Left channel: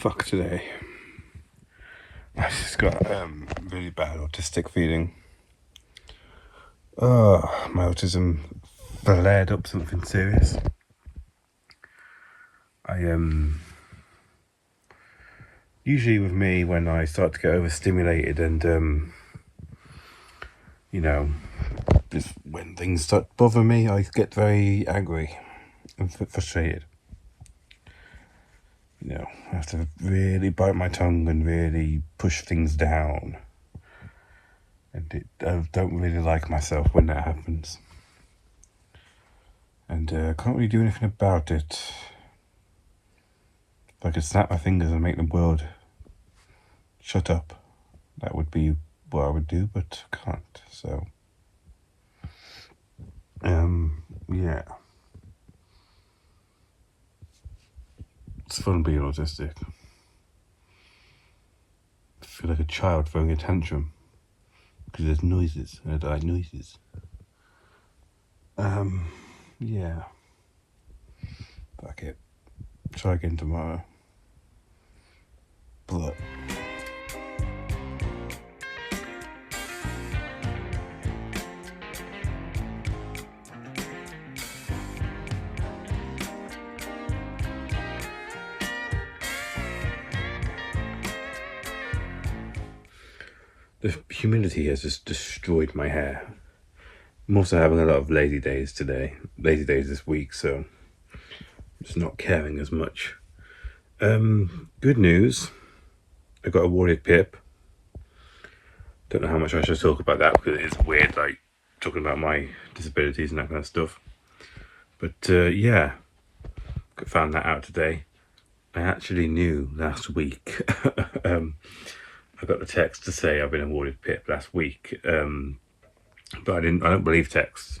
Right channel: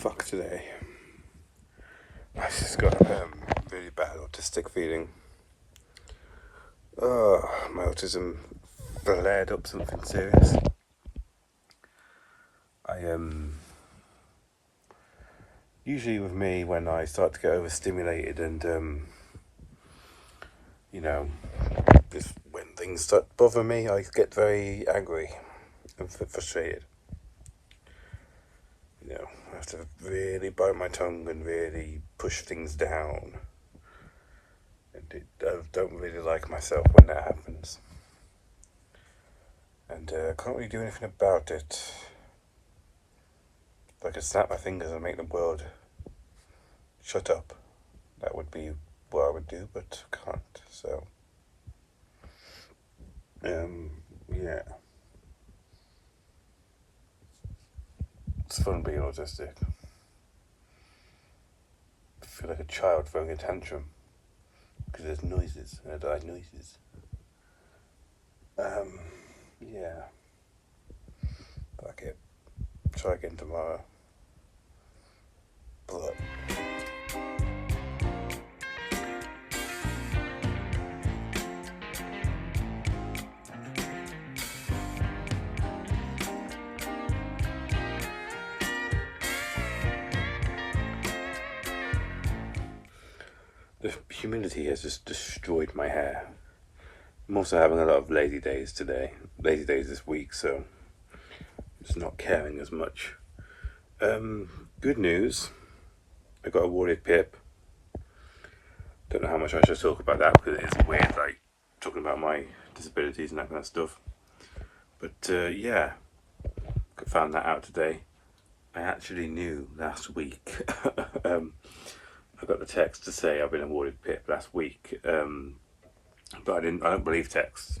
fuck today. I just got really bad autistic feeling. My autism flared up something serious. Usually with me, when I start to get overstimulated and just when things start to bother me, I get very angry and frustrated. I have to really bite my tongue and really push things down. And I don't really like myself when that happens. And I can't really do anything about it. If I could snap my fingers and make the world shut up, that would be what I would do, but I can't. So, yeah. It's fun being autistic. I feel like a child throwing a tantrum because there's noises and I like noises. Yeah. Fuck it. Try again tomorrow. But the humidity has just destroyed my hair. I'm also having a lot of lazy days this week, so I'm just not caring as much. Good news, I got awarded PIP. Don't know how much I should talk about that because it is weird, like talking about my disabilities and that kind of stuff. But yeah, found that out today. I actually knew last week. I got the text to say I've been awarded PIP last week, but I don't believe texts.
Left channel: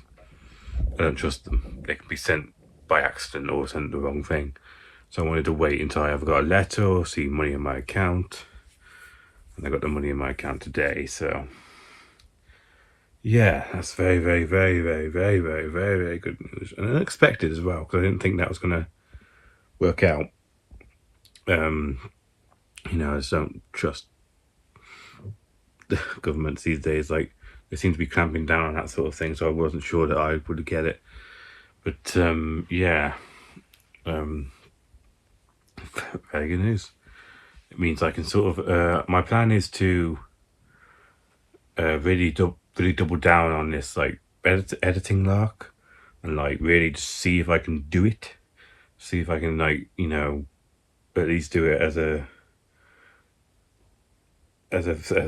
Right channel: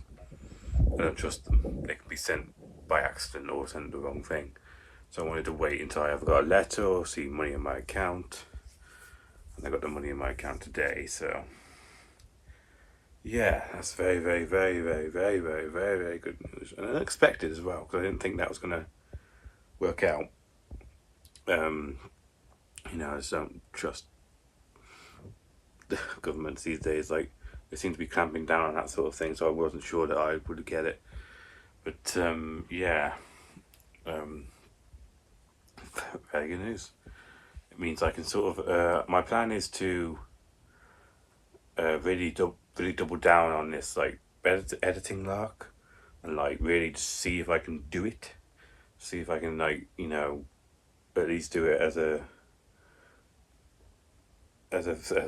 I don't trust them. They can be sent by accident or sent the wrong thing. So I wanted to wait until I either got a letter or see money in my account. And I got the money in my account today, so yeah, that's very, very, very, very, very, very, very, very good news. And unexpected as well, because I didn't think that was going to work out. I just don't trust the governments these days. Like, they seem to be clamping down on that sort of thing, so I wasn't sure that I would get it. But yeah, very good news. It means I can sort of my plan is to really double down on this like editing lark, and like really just see if I can do it, see if I can like at least do it as a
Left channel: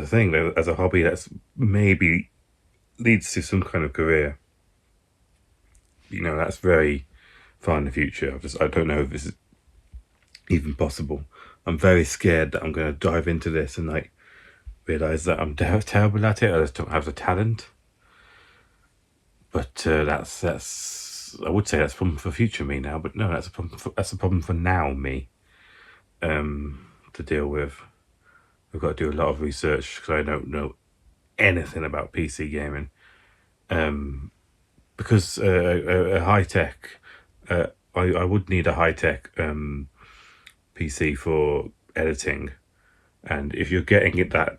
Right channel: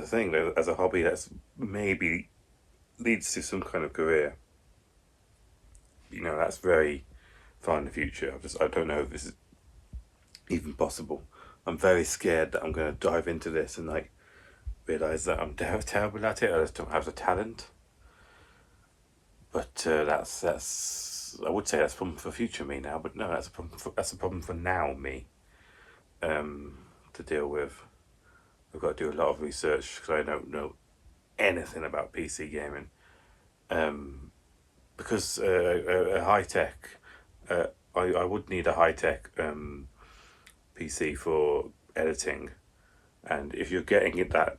thing, as a hobby that's maybe leads to some kind of career. That's very far in the future. I don't know if this is even possible. I'm very scared that I'm going to dive into this and like realize that I'm terrible at it. I just don't have the talent. But that's I would say that's a problem for future me now. But no, that's a problem for now me to deal with. I've got to do a lot of research because I don't know anything about PC gaming. Because a high tech, I would need a high tech PC for editing, and if you're getting it that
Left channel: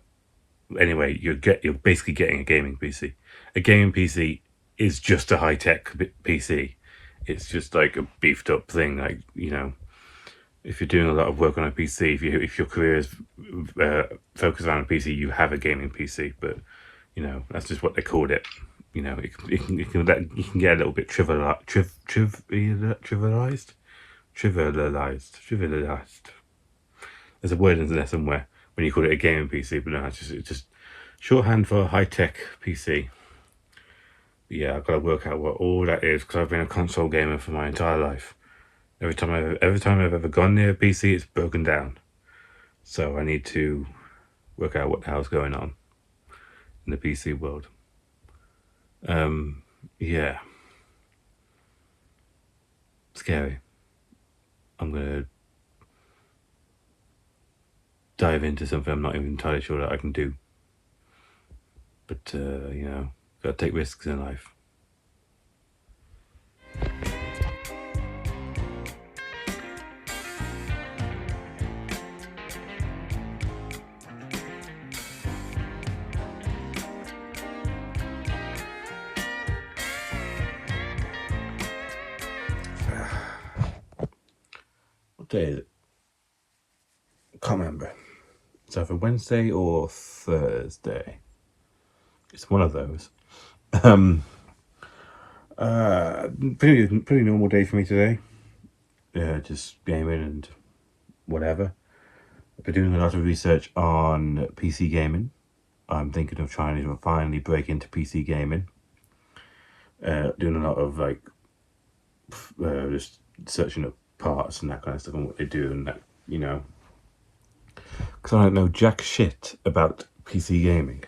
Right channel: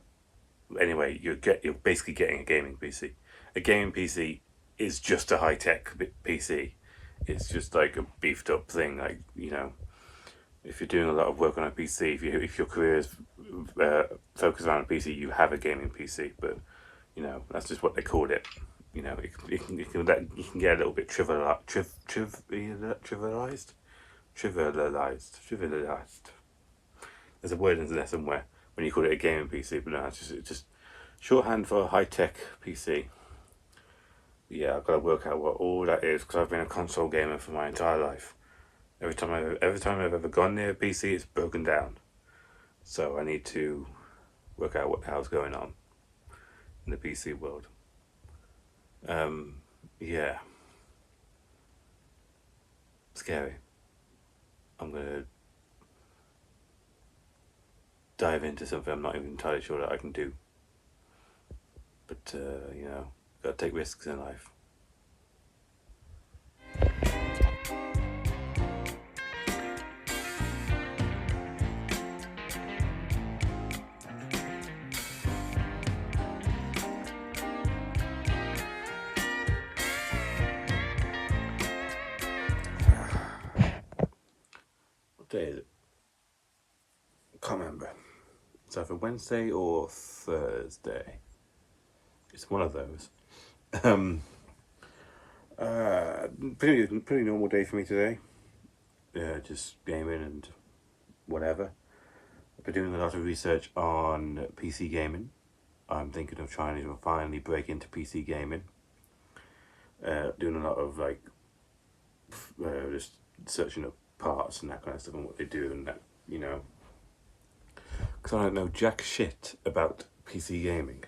anyway, you're basically getting a gaming PC. A gaming PC is just a high tech PC. It's just like a beefed up thing, like if you're doing a lot of work on a PC, if your career is focused on a PC, you have a gaming PC. But that's just what they called it. You can get a little bit trivialized. There's a word in there somewhere when you call it a gaming PC, but no, it's just shorthand for high tech PC. But yeah, I've got to work out what all that is because I've been a console gamer for my entire life. Every time I've ever gone near a PC, it's broken down. So I need to work out what the hell's going on in the PC world. Yeah. Scary. I'm gonna dive into something I'm not even entirely sure that I can do. But gotta take risks in life. day is it? Can't remember. It's either Wednesday or Thursday. It's one of those. Pretty normal day for me today. Just gaming and whatever. I've been doing a lot of research on PC gaming. I'm thinking of trying to finally break into PC gaming. Doing a lot of just searching up parts and that kind of stuff and what they do and that, because I don't know jack shit about PC gaming.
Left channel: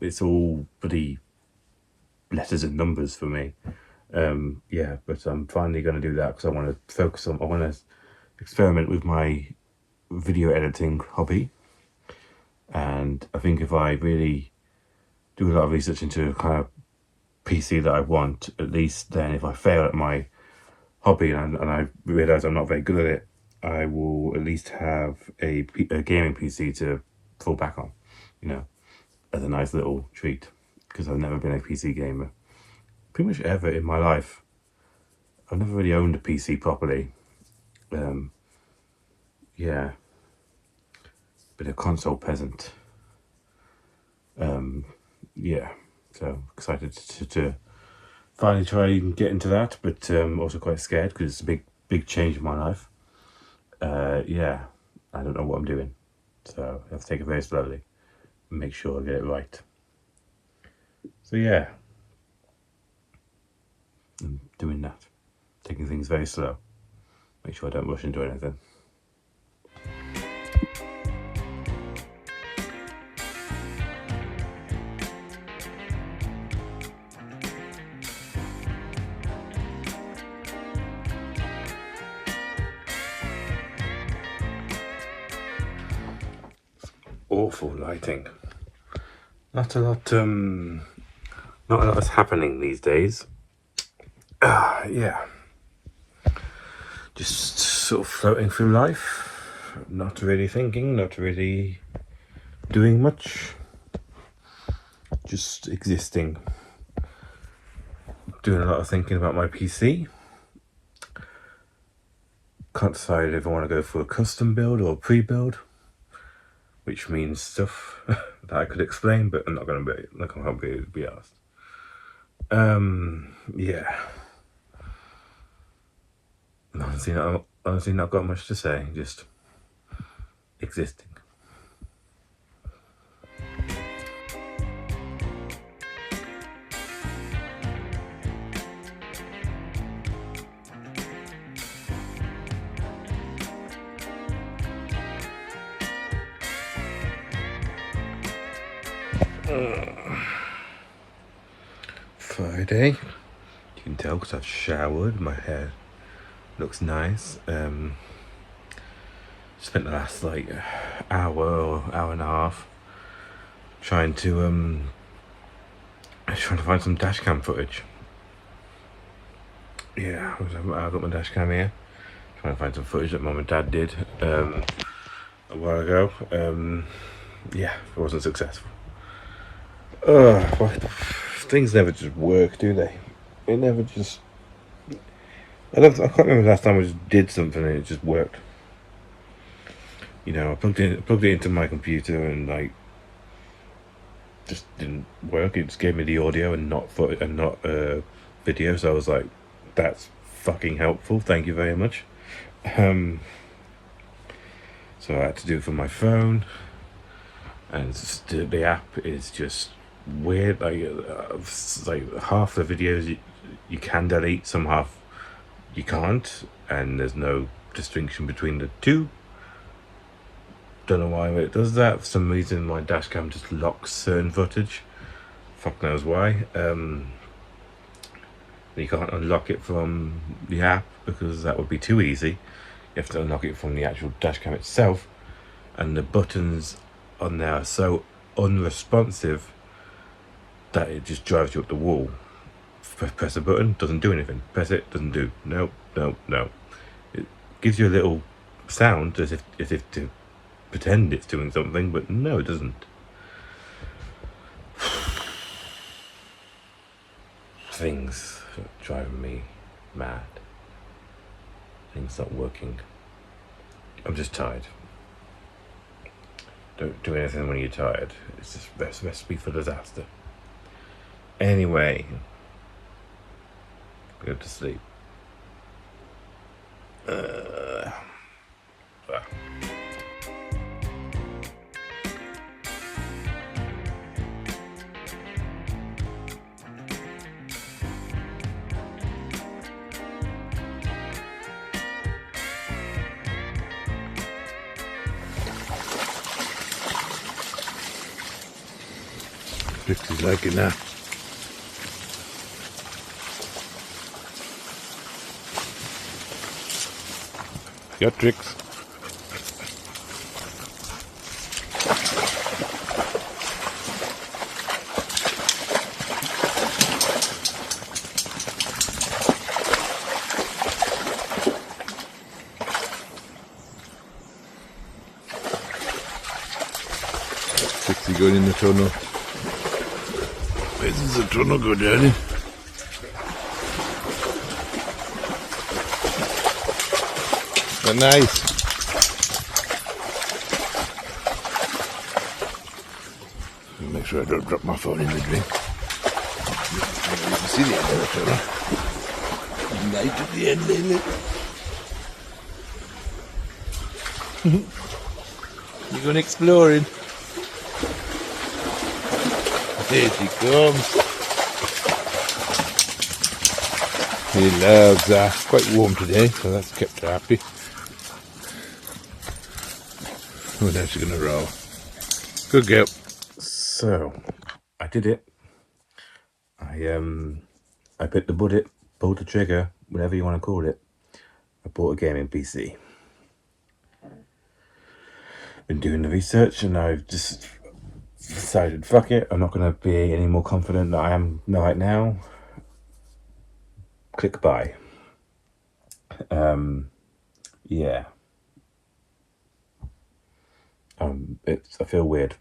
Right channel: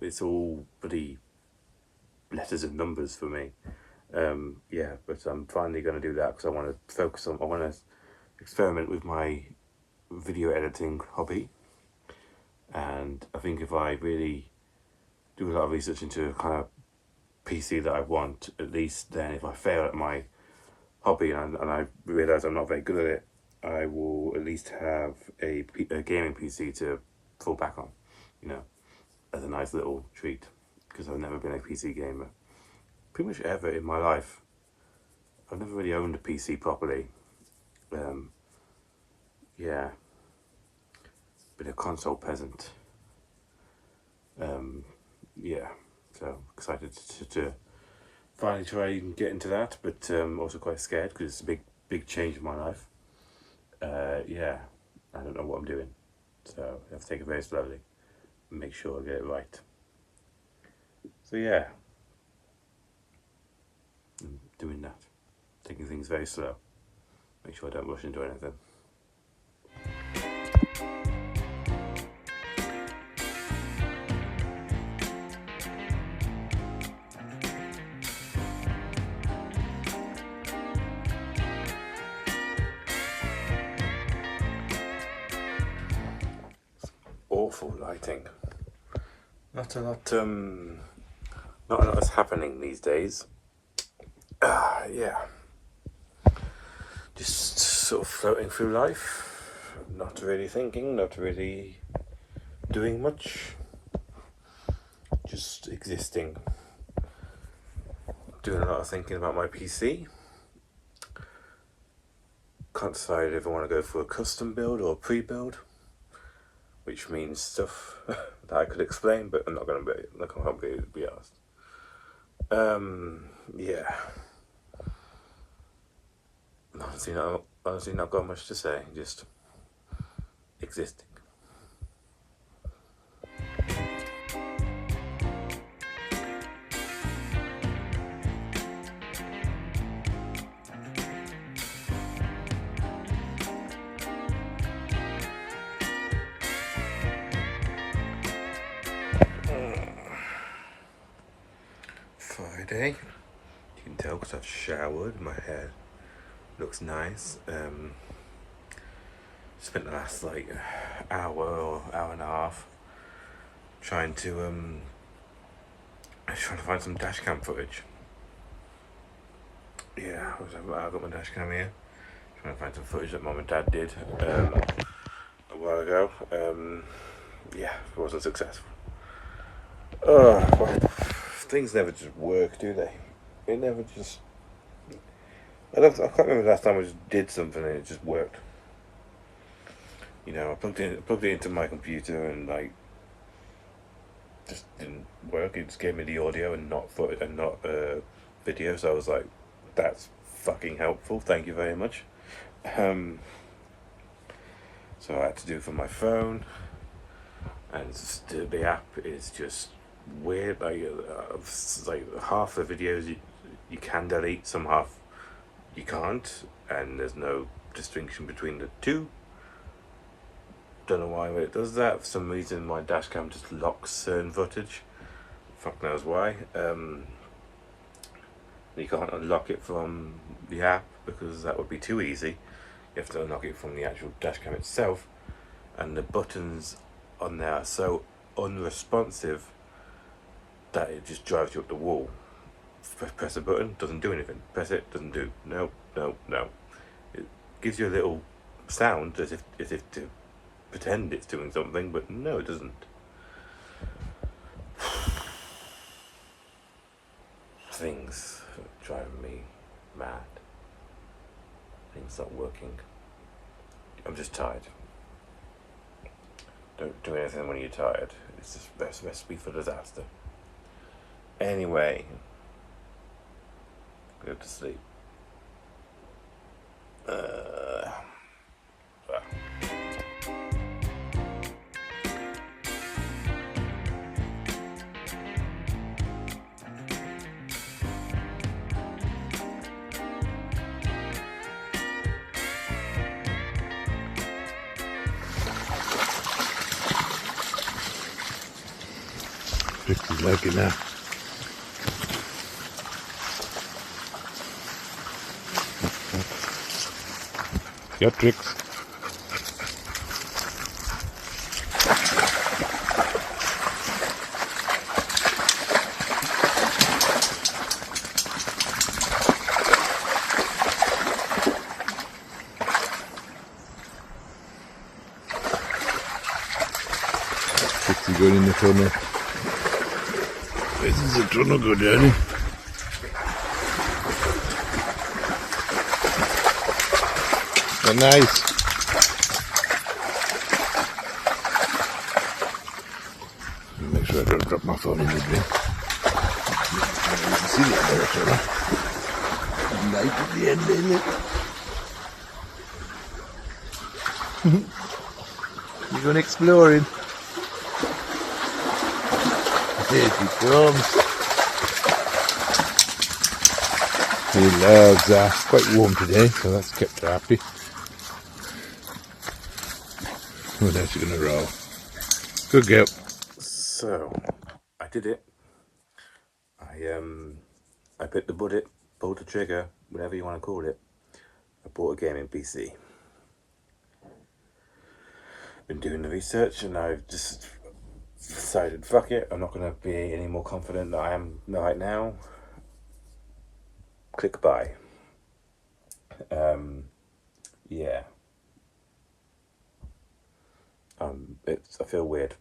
It's all pretty letters and numbers for me. But I'm finally going to do that because I want to experiment with my video editing hobby. And I think if I really do a lot of research into a kind of PC that I want, at least then if I fail at my hobby and I realise I'm not very good at it, I will at least have a gaming PC to fall back on, as a nice little treat, because I've never been a PC gamer. Pretty much ever in my life. I've never really owned a PC properly. Been a console peasant. So excited to finally try and get into that, but also quite scared because it's a big change in my life. I don't know what I'm doing, so I have to take it very slowly and make sure I get it right. So I'm doing that, taking things very slow, make sure I don't rush into anything. Awful lighting. Not a lot is happening these days. Just sort of floating through life, not really thinking, not really doing much, just existing. Doing a lot of thinking about my PC. Can't decide if I want to go for a custom build or a pre-build, which means stuff that I could explain, but I'm not going to be asked. Honestly, not got much to say. Just existing. Friday. You can tell because I've showered. My hair looks nice. Spent the last hour or hour and a half trying to find some dash cam footage. I've got my dash cam here, trying to find some footage that Mum and Dad did a while ago. It wasn't successful. Things never just work, do they? It never just. I can't remember the last time I just did something and it just worked. I plugged it into my computer and just didn't work. It just gave me the audio and not video. So I was like, that's fucking helpful. Thank you very much. So I had to do it from my phone, and the app is just weird. Half the videos you can delete, some half you can't, and there's no distinction between the two. Don't know why it does that. For some reason my dash cam just locks certain footage. Fuck knows why. You can't unlock it from the app because that would be too easy. You have to unlock it from the actual dash cam itself, and the buttons on there are so unresponsive that it just drives you up the wall. Press a button, doesn't do anything. Press it, doesn't do. No. It gives you a little sound as if to pretend it's doing something, but no, it doesn't. Things are driving me mad. Things not working. I'm just tired. Don't do anything when you're tired. It's just best recipe for disaster. Anyway, go to sleep. Vicky's liking that. Got tricks. Trixie going in the tunnel. This is a tunnel go down in. But nice. Make sure I don't drop my phone in the drink. You can see the end of the tunnel. Light at the end, isn't it? You're going exploring. There she comes. She loves that. It's quite warm today, so that's kept her happy. Oh, now she's gonna roll. Good girl. So, I did it. I bit the bullet, pulled the trigger, whatever you want to call it. I bought a gaming PC. Been doing the research, and I've just decided, fuck it, I'm not going to be any more confident than I am right now. Click buy. Yeah. I feel weird.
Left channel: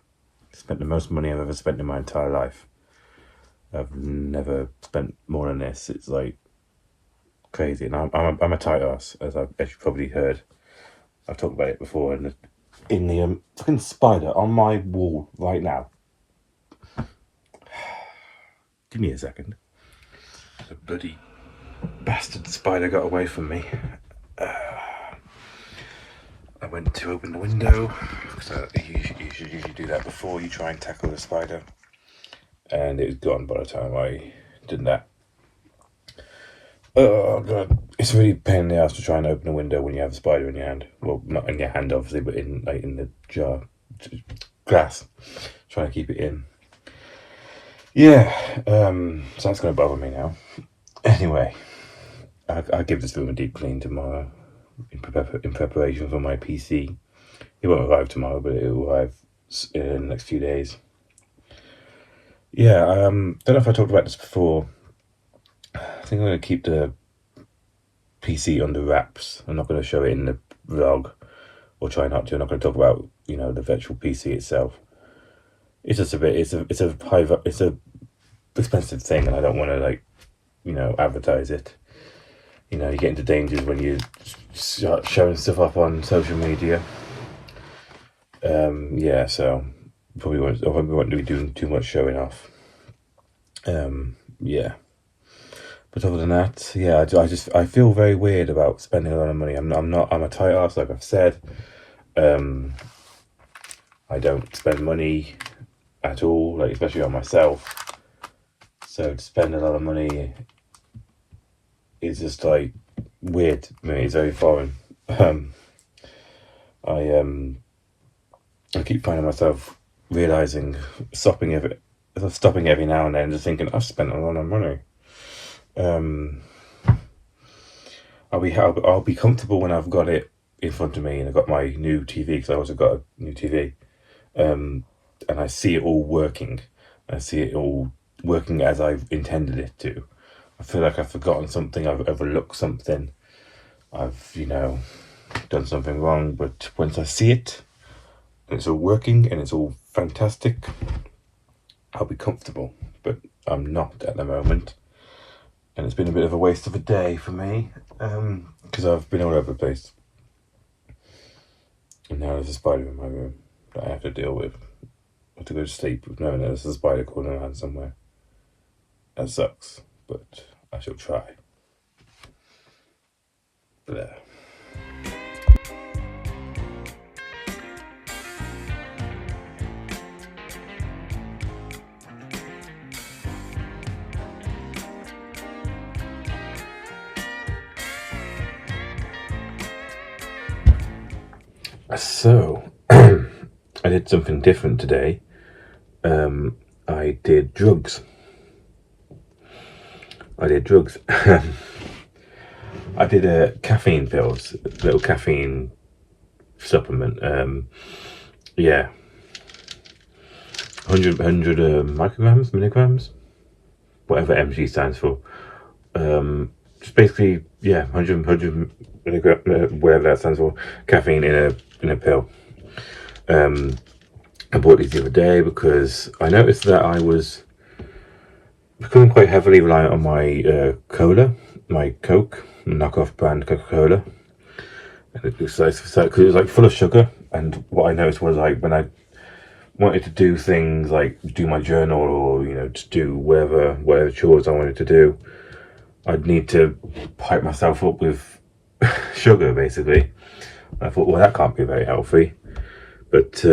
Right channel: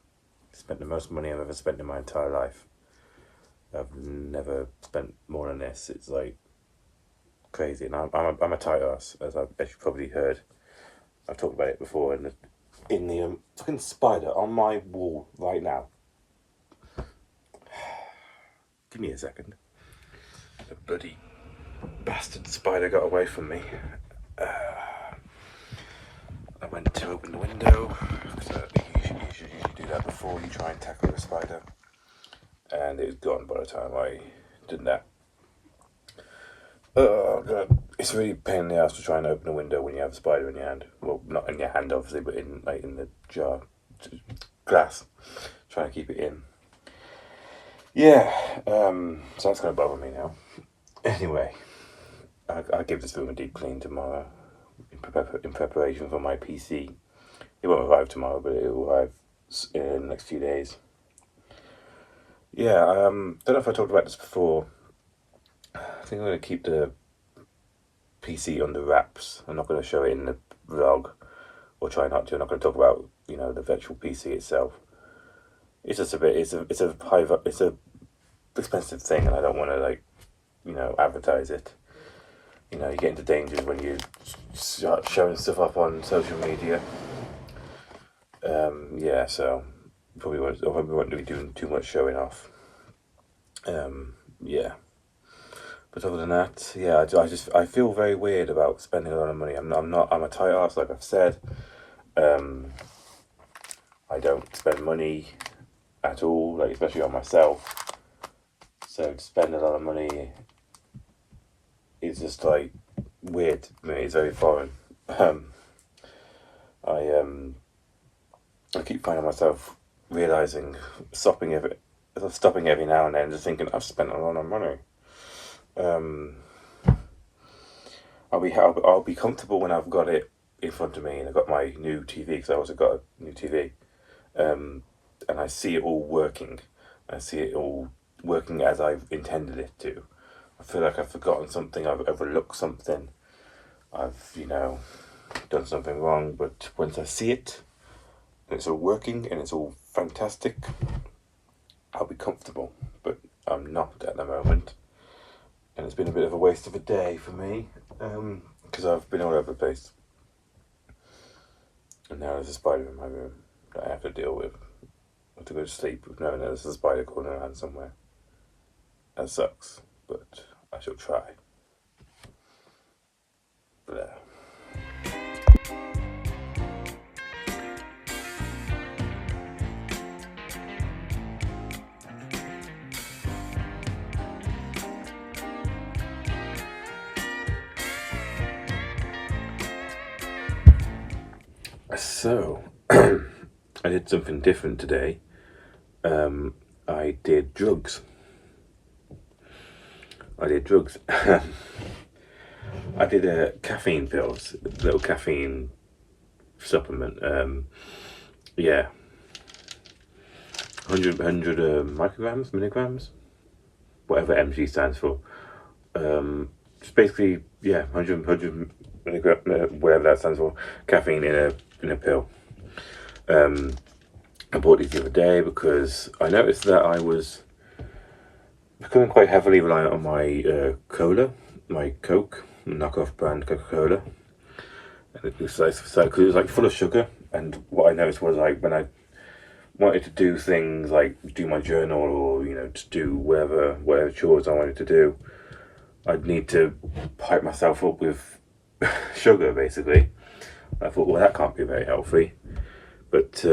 Spent the most money I've ever spent in my entire life. I've never spent more than this. It's like crazy, and I'm a tight ass, as you probably heard. I've talked about it before. In the fucking spider on my wall right now. Give me a second. The bloody bastard spider got away from me. I went to open the window, because you should usually do that before you try and tackle the spider. And it was gone by the time I did that. Oh god, it's really a pain in the ass to try and open a window when you have a spider in your hand. Well, not in your hand obviously, but in the jar, glass. Trying to keep it in. Yeah, so that's going to bother me now. Anyway, I'll give this room a deep clean tomorrow in preparation for my PC. It won't arrive tomorrow, but it will arrive in the next few days. Yeah, don't know if I talked about this before. I think I'm going to keep the PC under wraps. I'm not going to show it in the vlog, or try not to. I'm not going to talk about, the virtual PC itself. It's just it's a expensive thing, and I don't want to advertise it. You get into dangers when you start showing stuff up on social media. Yeah, so probably won't be doing too much showing off. Yeah. But other than that, yeah, I feel very weird about spending a lot of money. I'm a tight ass, like I've said. I don't spend money at all, especially on myself. So to spend a lot of money is just weird. I mean, it's very foreign. I keep finding myself realizing, stopping every now and then, just thinking I've spent a lot of money. I'll be comfortable when I've got it in front of me and I've got my new TV, because I also got a new TV, and I see it all working. I see it all working as I've intended it to. I feel like I've forgotten something, I've overlooked something, I've done something wrong. But once I see it and it's all working and it's all fantastic, I'll be comfortable. But I'm not at the moment. And it's been a bit of a waste of a day for me, because I've been all over the place. And now there's a spider in my room that I have to deal with. I have to go to sleep with knowing that there's a spider crawling around somewhere. That sucks, but I shall try. Blah. So, I did something different today. I did drugs. I did caffeine pills, little caffeine supplement. Yeah, 100 micrograms, milligrams, whatever mg stands for. Just basically, yeah, 100 milligram, whatever that stands for, caffeine in a pill. I bought these the other day because I noticed that I was becoming quite heavily reliant on my cola, my Coke, knockoff brand Coca-Cola. And it was like, because it was like full of sugar. And what I noticed was like when I wanted to do things like do my journal or just do whatever chores I wanted to do, I'd need to pipe myself up with sugar basically. I thought, well, that can't be very healthy. But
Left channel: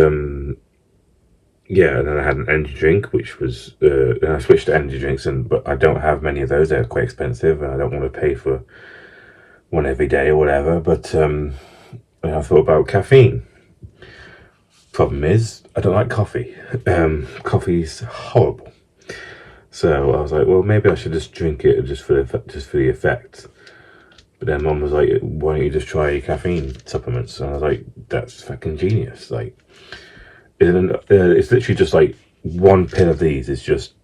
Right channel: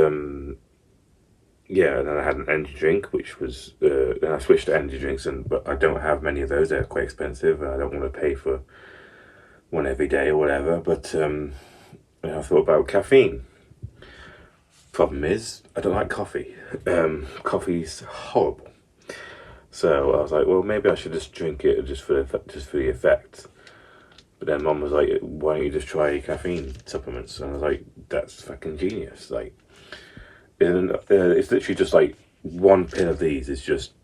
yeah, and then I had an energy drink, which was and I switched to energy drinks, but I don't have many of those. They're quite expensive, and I don't want to pay for one every day or whatever. But I thought about caffeine. Problem is, I don't like coffee. Coffee's horrible. So I was like, well, maybe I should just drink it just for the effect. But then Mum was like, why don't you just try caffeine supplements? And I was like, that's fucking genius. Like, it's literally just like one pill of these is just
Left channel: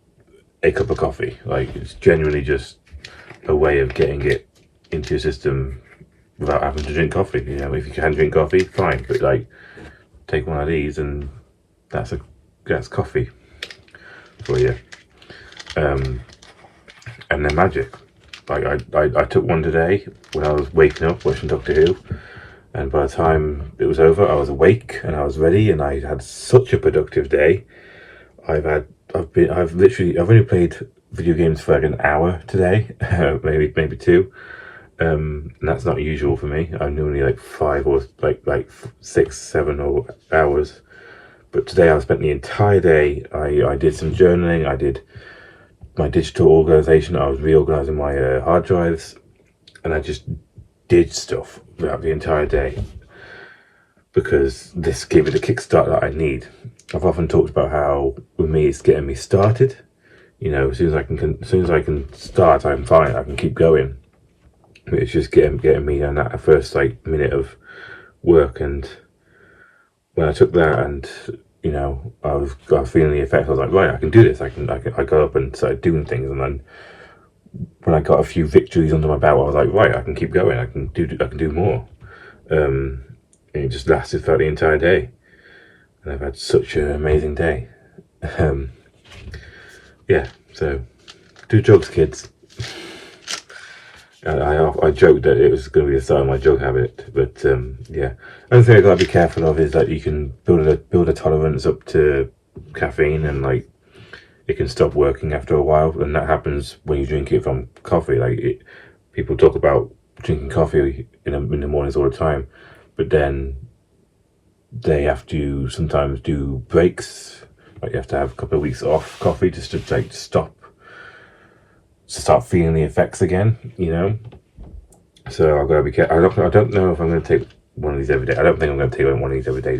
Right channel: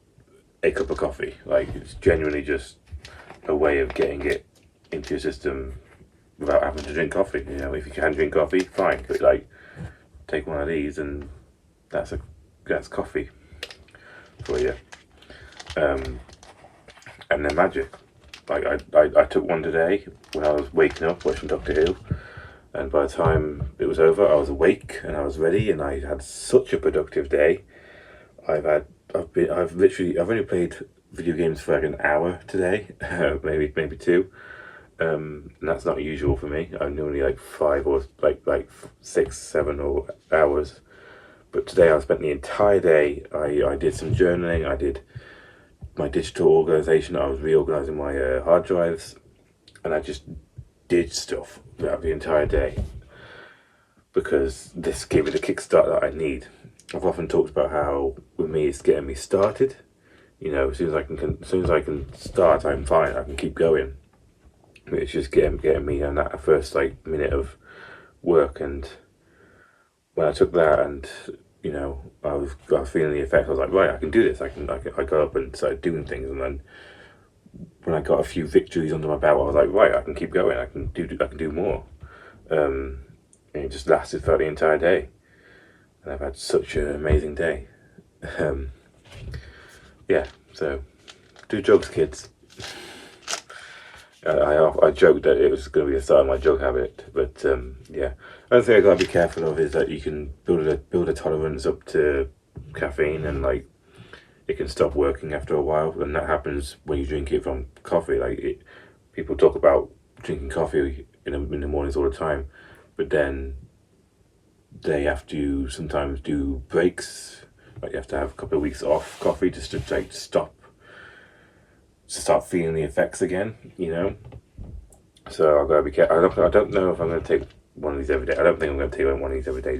a cup of coffee. Like, it's genuinely just a way of getting it into your system without having to drink coffee. If you can drink coffee, fine. But like, take one of these and that's coffee for you. And they're magic. Like I took one today when I was waking up watching Doctor Who, and by the time it was over, I was awake and I was ready, and I had such a productive day. I've only played video games for like an hour today, maybe two. And that's not usual for me. I'm normally like 5 or like 6, 7 hours. But today I spent the entire day. I did some journaling. I did my digital organization. I was reorganizing my hard drives, and I just did stuff throughout the entire day because this gave me the kickstart that I need. I've often talked about how with me it's getting me started. As soon as I can start, I'm fine. I can keep going. It's just getting me on that first like minute of work. And when I took that, and I was feeling the effects. I was like, right, I can do this. I got up and started doing things, and then when I got a few victories under my belt, I was like, right, I can keep going. I can do more. And it just lasted throughout the entire day, and I've had such an amazing day. Yeah, so do drugs, kids. I joked that it was going to be the start of my drug habit, but yeah. Another thing I got to be careful of is that you can build a tolerance up to caffeine, and like it can stop working after a while, and that happens when you drink it from coffee. Like people talk about drinking coffee in the mornings all the time, but then they have to sometimes do breaks. Like you have to have a couple of weeks off coffee just to like stop. To start feeling the effects again, So I've got to be careful. I don't know if I'm going to take one of these every day. I don't think I'm going to take one of these every day.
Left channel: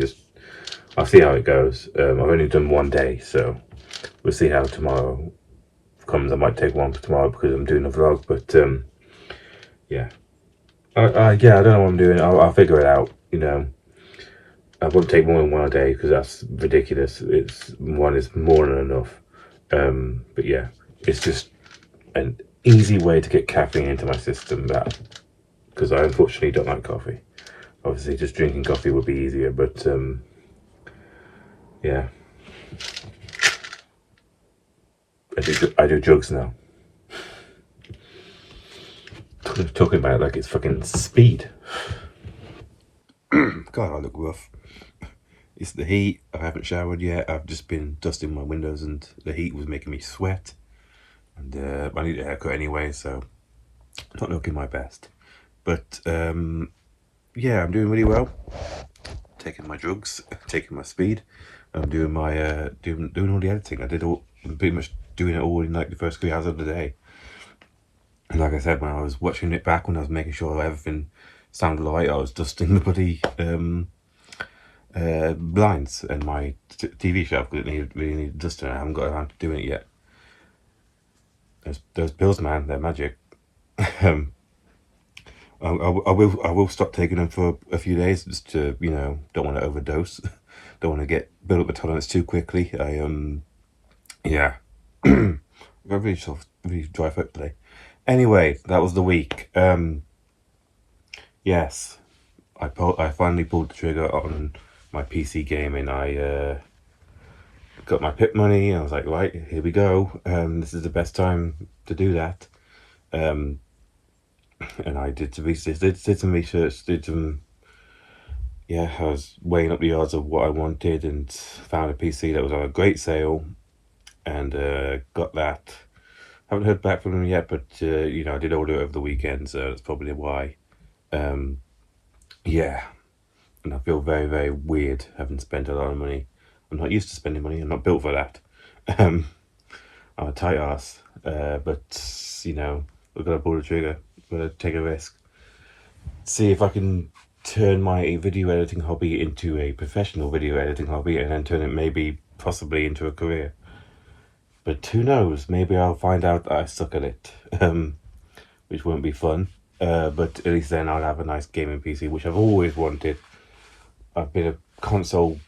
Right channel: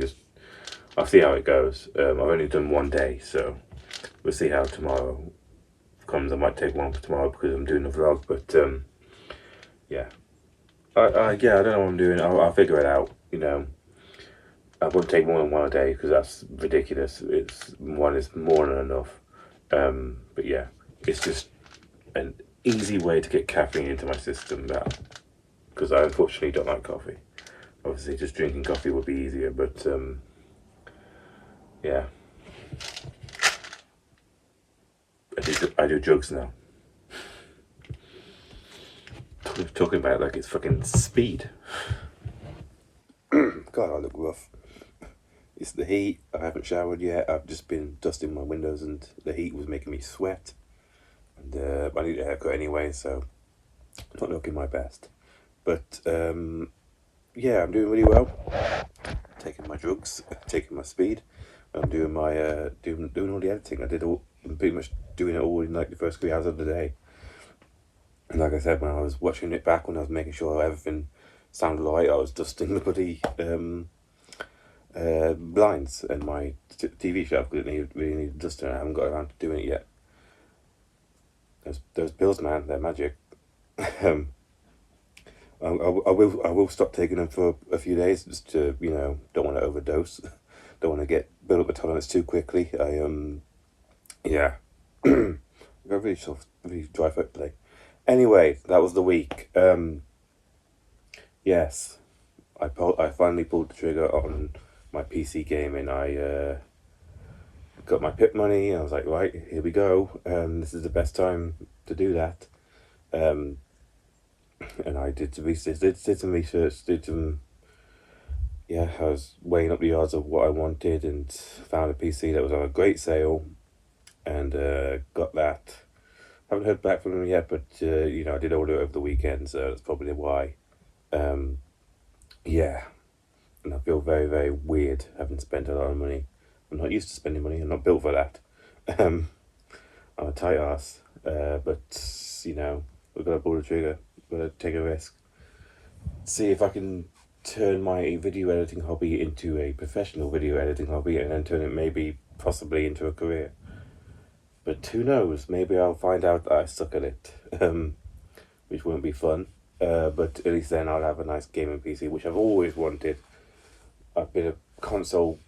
I'll see how it goes. I've only done one day, so we'll see how tomorrow comes. I might take one for tomorrow because I'm doing a vlog. But yeah, I don't know what I'm doing. I'll figure it out. I won't take more than one a day because that's ridiculous. One is more than enough. But yeah, it's just an easy way to get caffeine into my system, that because I unfortunately don't like coffee. Obviously just drinking coffee would be easier, but yeah, I do drugs now. Talking about it like it's fucking speed. God, I look rough. It's the heat. I haven't showered yet. I've just been dusting my windows and the heat was making me sweat. And I need a haircut anyway, so not looking my best. But yeah, I'm doing really well. Taking my drugs, taking my speed. I'm doing my doing all the editing. I'm pretty much doing it all in like the first 3 hours of the day. And like I said, when I was watching it back, when I was making sure everything sounded right, I was dusting the bloody blinds and my TV shelf because it really needed dusting. I haven't got around to doing it yet. Those pills, man, they're magic. I will stop taking them for a few days just to, don't want to overdose. Don't want to build up the tolerance too quickly. Yeah. Got really dry throat today. Anyway, that was the week. Yes, I finally pulled the trigger on my PC gaming. I got my PIP money. I was like, right, here we go. This is the best time to do that. And I did some research, I was weighing up the odds of what I wanted and found a PC that was on a great sale and got that. Haven't heard back from them yet, but I did order it over the weekend, so that's probably why. Yeah, and I feel very, very weird having spent a lot of money. I'm not used to spending money. I'm not built for that. I'm a tight ass, but we're gonna pull the trigger. We're gonna take a risk. See if I can turn my video editing hobby into a professional video editing hobby, and then turn it possibly into a career. But who knows? Maybe I'll find out that I suck at it, which won't be fun. But at least then I'll have a nice gaming PC, which I've always wanted. I've been a console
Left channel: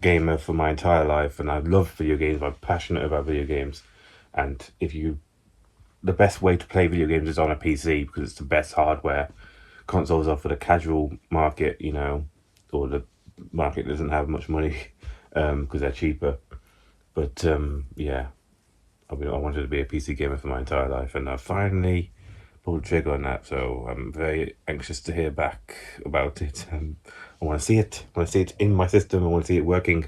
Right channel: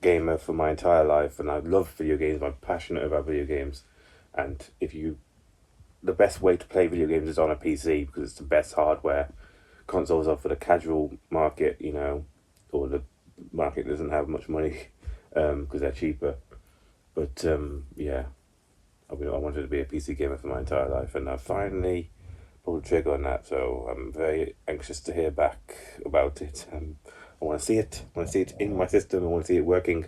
gamer for my entire life, and I love video games. I'm passionate about video games, and the best way to play video games is on a PC because it's the best hardware. Consoles are for the casual market, or the market doesn't have much money because they're cheaper. But yeah, I wanted to be a PC gamer for my entire life, and I finally pulled the trigger on that. So I'm very anxious to hear back about it. I want to see it. I want to see it in my system. I want to see it working.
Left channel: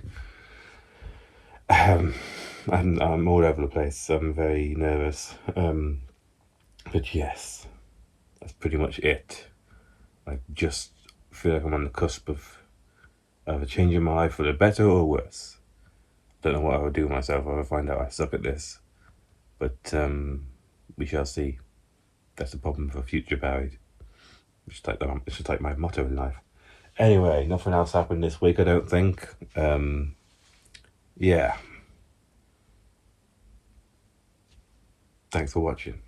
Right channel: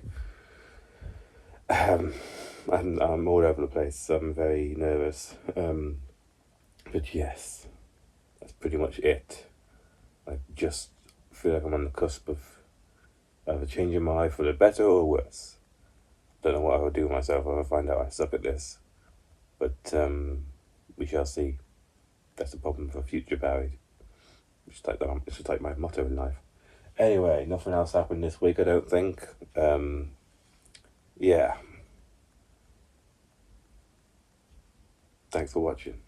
I'm all over the place. I'm very nervous. But yes, that's pretty much it. I just feel like I'm on the cusp of a change in my life for the better or worse. Don't know what I would do with myself if I find out I suck at this. But we shall see. That's the problem for future Barry. It's just like my motto in life. Anyway, nothing else happened this week, I don't think. Yeah. Thanks for watching.